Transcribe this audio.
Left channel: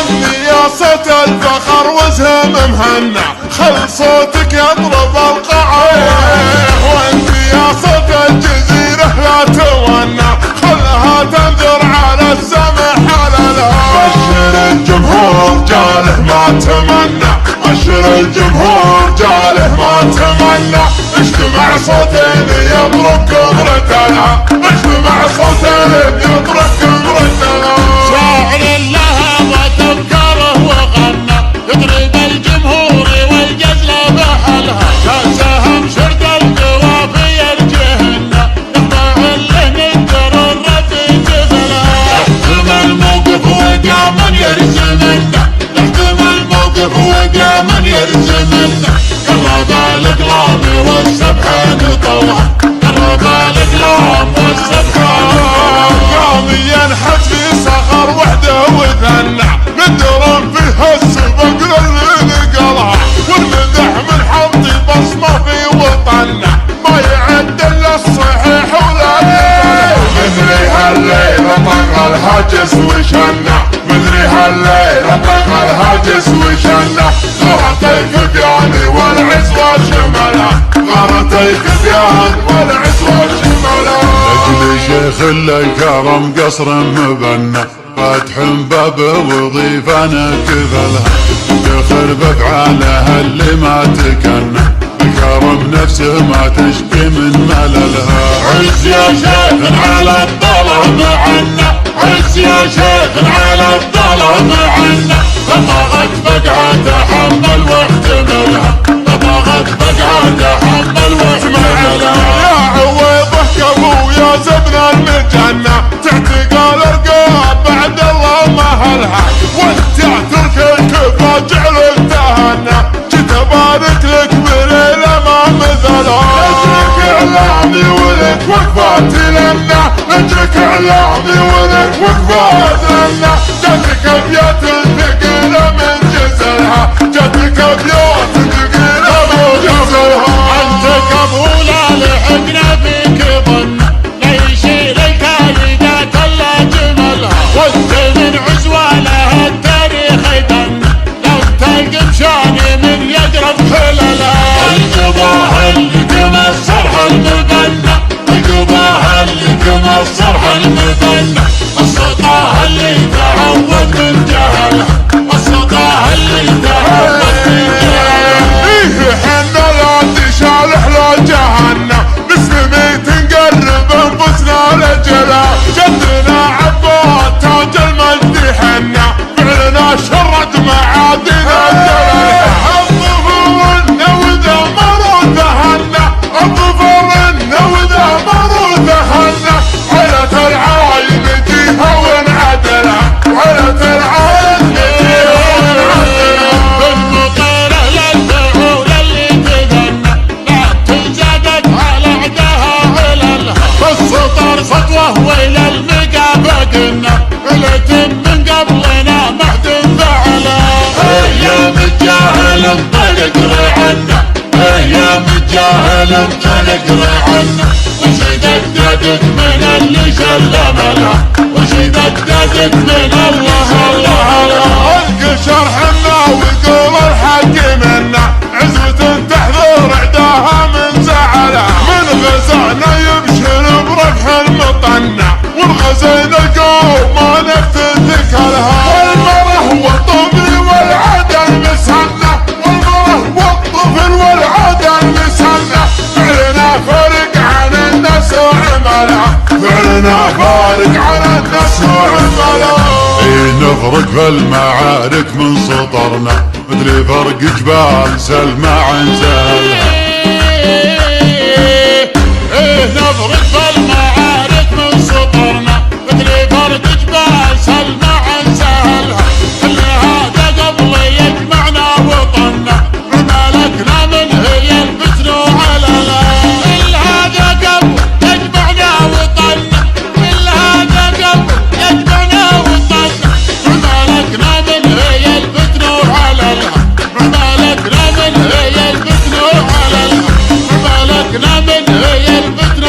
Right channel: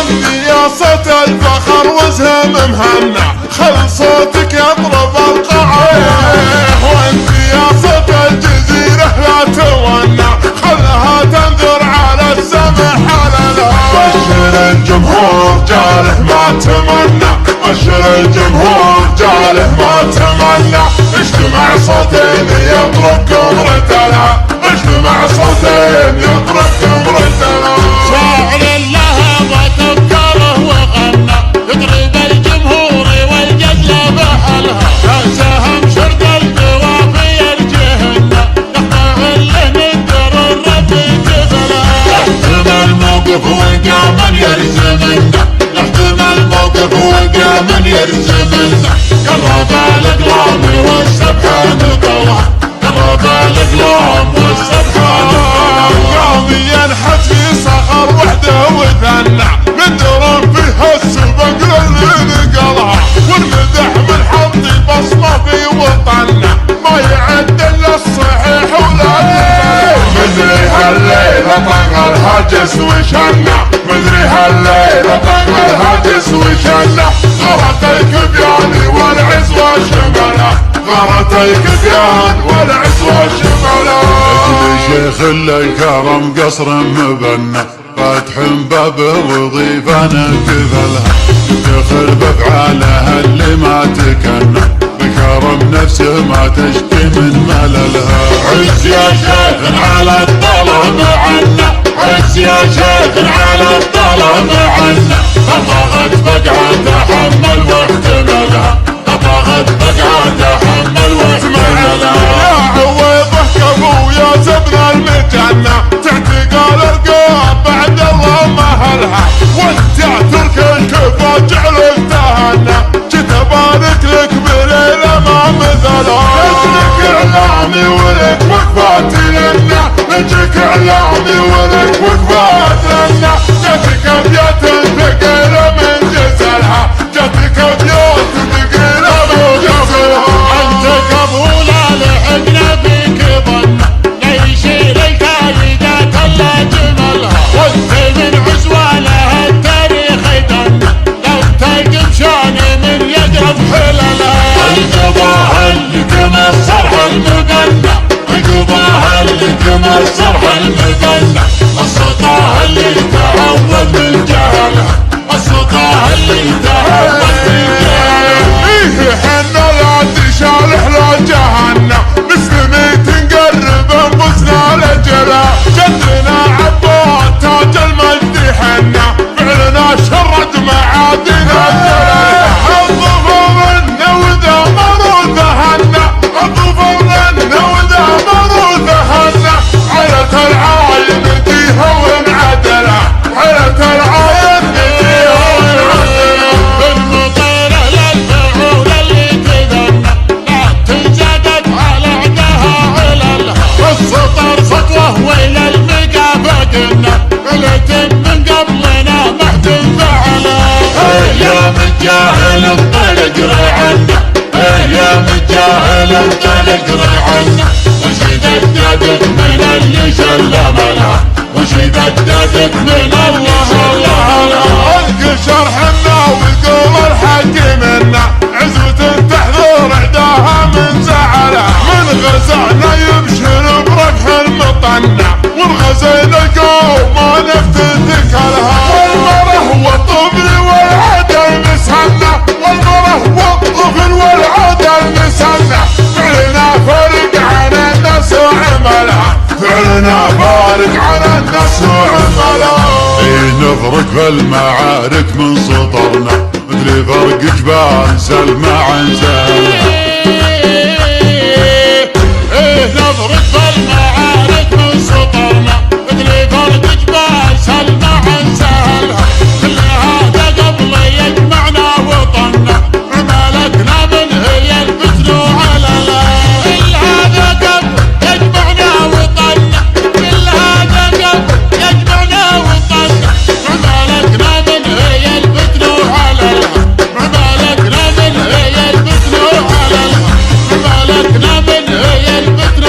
غني يا صوت الفخر وزهم مهنا، خل صوتك يطرب القاعة. وانت يا صوت الجزيرة لا تونا، خلها تنذر على السمح حلالها. بشر الجمهور جاله ما تمنى، بشر الجمهور جاله ما تمنى. اجتمع صوتين يضربكم ردنا، اجتمع صوتين يضربكم ردنا. شاعر لها وتفكره وغنى، يضرب الجمهور والجزل بحلها. سهم شرد القوافي الجهنة، يخضع له من در الرب جبلها. يحتم الموقف وقاما يرزمنا، يحتم الموقف وقاما يرزمنا. قرب الاقلام والسبحة نطلع، قرب الاقلام والسبحة نطلع. قام ينحت في صخر وحده وثنى، ندر فيها السبق للي نقلها. والمدح من حطي بصمه في وطننا، ما يعد الا الصحيح ولا يقبلها. مدري هالليله طق الهاجس وشنا، مدري هالليله طق الهاجس وشنا. غرت الكبيان والعزوه شملها، غرت الكبيان والعزوه شملها. اجل شيخ الكرم قصر مبنى، فتح بابه وضيفا كفلها. دخل بافعالها اللي ما تكنى، بكرم نفسه ما تشكي من مللها. عز يا شيخ على الظلم عنا، عز يا شيخ على الظلم عنا. طبغت بقعة تحمل واحتملها، طبغت بقعة تحمل واحتملها. يا عويضه كفو يا زبن المجنة، تعتقال الرقاب بعد الله مهلها. وانت ترك الكفا جعلك تهنى، جيت ابارك لك بليله ما مثلها. نجيك اعلامي ولك وقفات لنا، نجيك اعلامي ولك وقفات لنا. جاتك ابيات ثقيله من جزلها، جاتك ابيات ثقيله من جزلها. انت قبولا لحقنا فيك ظن، لا يشيل الكايدات الا جملها. وانت من عزواله التاريخ يدن، لو تلقم شاني من يجرب حللها. القضاء اللي كما الصرح المبنى، القضاء اللي كما الصرح المبنى. السطاه اللي تعود من جهلها، السطاه اللي تعود من جهلها. ايه حنا لا تشالح لا جهنة، مسلمي تنقرب انفسنا لجلا. جدنا عباد تاج المجد حنا، فعلنا شرد معادنا جلالها. الظفر النوذة مروثة هنا، الظفر النوذة مروثة هنا. عيلة العاين جيها وانعدلها، عيلة العاين جيها وانعدلها. بالمطيرة للفعول اللي تذنى، لا تنزادت على عدها عللها. السطر خطوة وإلى المقابة قلنا، قلت من قبلنا محد فعلها. يا متجاهل انطلق رعنا، يا متجاهل انطلق رعنا. وش ددك من اللي شلملها، وش ددك من اللي شلملها. القشر حنا ويقول الحق منا، عزوة تحذر عداها من زعلها. من غزانا يبشر بربح المطنع، والغزين القوم ما نفتت ثقلها. والمره والطفل والعدل مسهنا، والمره والطفل والعدل مسهنا. فعلنا فارق عن الناس وعملها، فعلنا فارق عن الناس وعملها. ايه نفرق في المعارك من سطرنا، مثل فرق جبال سلمى عن سهلها. ايه نفرق في المعارك من سطرنا، مثل فرق جبال سلمى عن سهلها. كل هذا قبل يجمعنا وطننا، ملكنا من هي الفتن وعللها. كل هذا قبل يجمعنا وطننا، كل هذا قبل يجمعنا وطننا. ملكنا من هي الفتن وعللها، ملكنا من هي الفتن وعللها، ملكنا من هي الفتن